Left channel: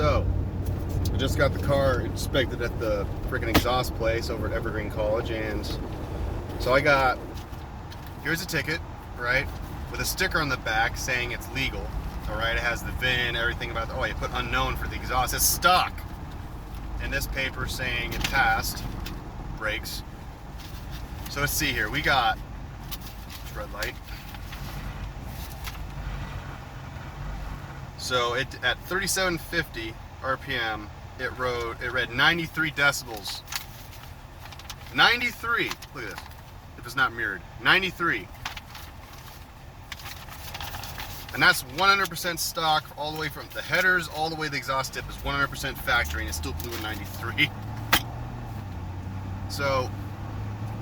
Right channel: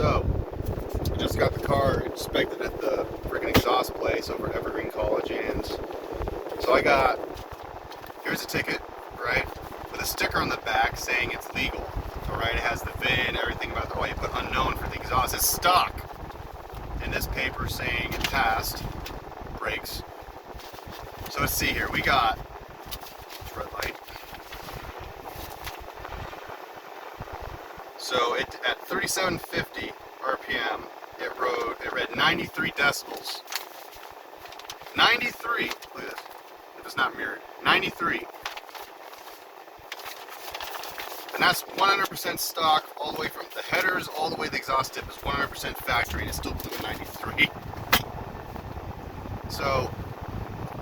So, I just got the car inspected at the freaking exhaust place over at Evergreen College, and so here's a ticket, right, with a sticker on the back saying it's legal, alright, it has the VIN, everything about you put unknown for the exhaust, it's stock, and this paper saying it passed, brakes. So let's see here, we got, red light. So it at 3750 RPM, it read 93 decibels. 93. Look at this. If it's not mirrored, 93. And that's 100% stock, all the way from the headers all the way to the exhaust tip is 100% factory, and it's still blew a 93. So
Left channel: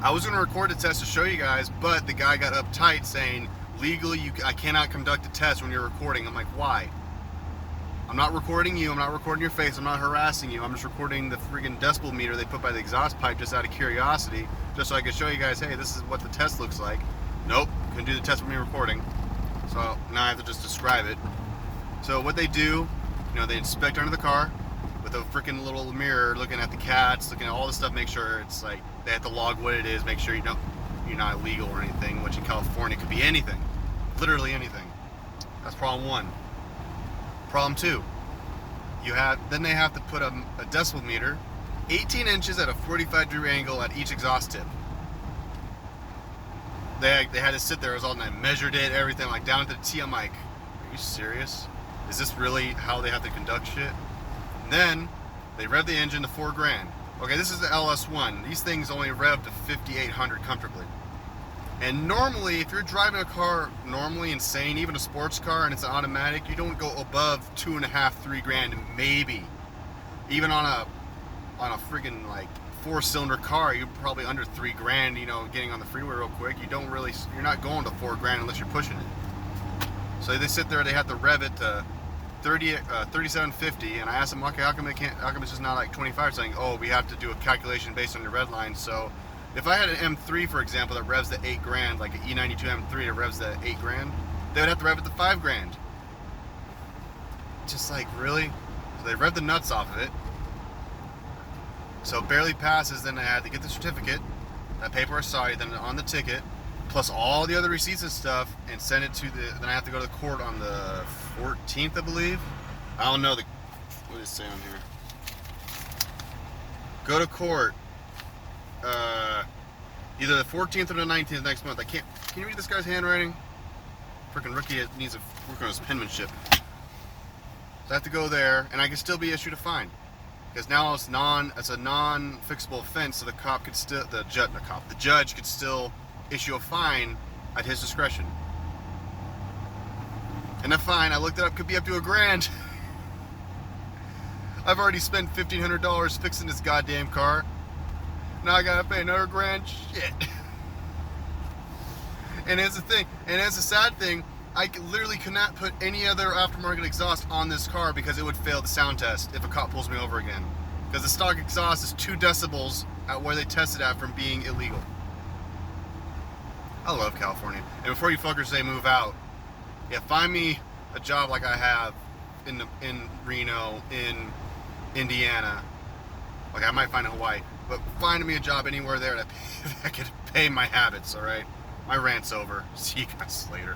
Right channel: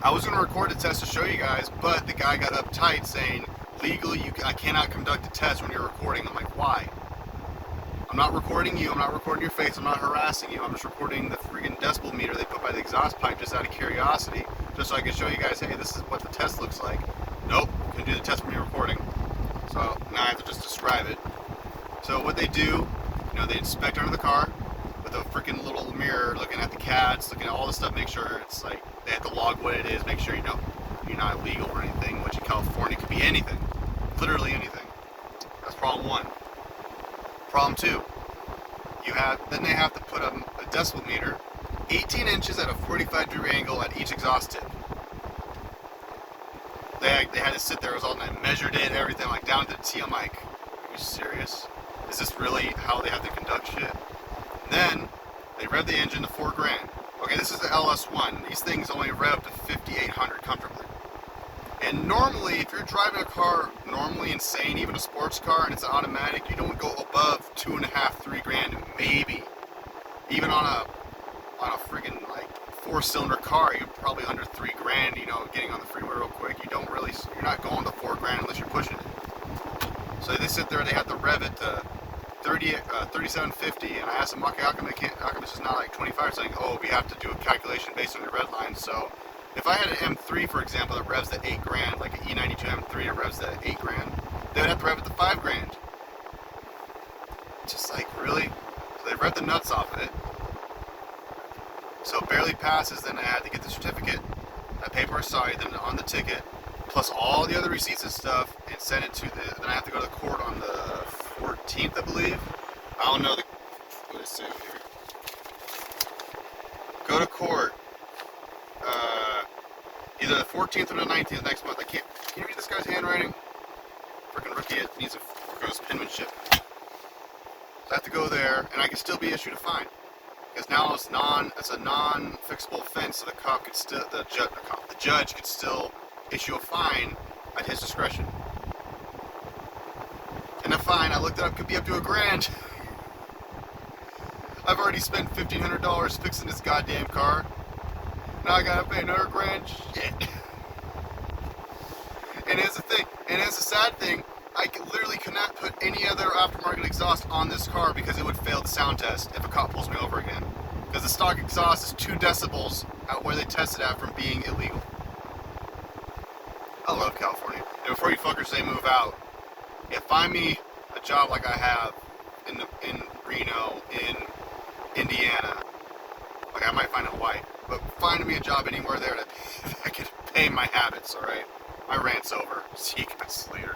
I was going to record the test to show you guys, but the guy got uptight saying legally I cannot conduct a test when you're recording. I'm like, why? I'm not recording you, I'm not recording your face, I'm not harassing you, I'm just recording the freaking decibel meter they put by the exhaust pipe just out of curiosity, just so I can show you guys, hey, this is what the test looks like. Nope, can do the test when you're recording. So now I have to just describe it. So what they do, they inspect under the car with a freaking little mirror, looking at the cats, looking at all this stuff, make sure it's like, they have to log what it is, make sure you're not illegal or anything, which in California could be anything, literally anything. That's problem one. Problem two, then they have to put a decibel meter 18 inches at a 45-degree angle at each exhaust tip. They had to sit there, it was all night, measured it, everything, like down to the T. I'm like, are you serious? Is this really how they have to conduct shit? And then they rev the engine to $4,000. Okay, this is the LS1. These things only rev to 5,800 comfortably. And normally, if you're driving a car normally insane, even a sports car, and it's an automatic, you don't go above $2,500, $3,000, maybe. Even on a freaking like 4-cylinder car, you're probably under $3,000. Getting on the freeway real quick, you're not going to $4,000 unless you're pushing it. So they sit there, they have to rev it to 3750, and I asked them, okay, how come it's just not like 25? Saying, oh, we have to do a calculation based on your red line. So if I had an M3, for example, that revs at $8,000, like an E92 M3 that revs at $8,000, they would have to rev it to $5,000. Just like, really? So they rev the nuts off of it. So it barely passes, then I had to get the certificate, that paper I saw, then on the ticket, plus all the other receipts and stuff, and send it to then I have to go to the court on the 14th, I believe. I don't know what it's saying here. Go to court. Either the 14th or the 19th next month. Can you read this guy's handwriting? Freaking rookie needs to work on his penmanship. So I have to go there, and I can still be issued a fine. Because now it's a non-fixable offense, so the judge could still issue a fine at his discretion. And the fine, I looked it up, could be up to $1,000. I've already spent $1,500 fixing this goddamn car. Now I gotta pay another $1,000? Shit. And here's the thing, and here's the sad thing, I literally could not put any other aftermarket exhaust on this car because it would fail the sound test if a cop pulls me over again. Because the stock exhaust is 2 decibels at where they tested at from being illegal. I love California. And before you fuckers say move out, find me a job like I have in Reno, in Indiana. Okay, I might find it in Hawaii, but find me a job anywhere there that can pay my habits, alright? My rant's over. See you guys later.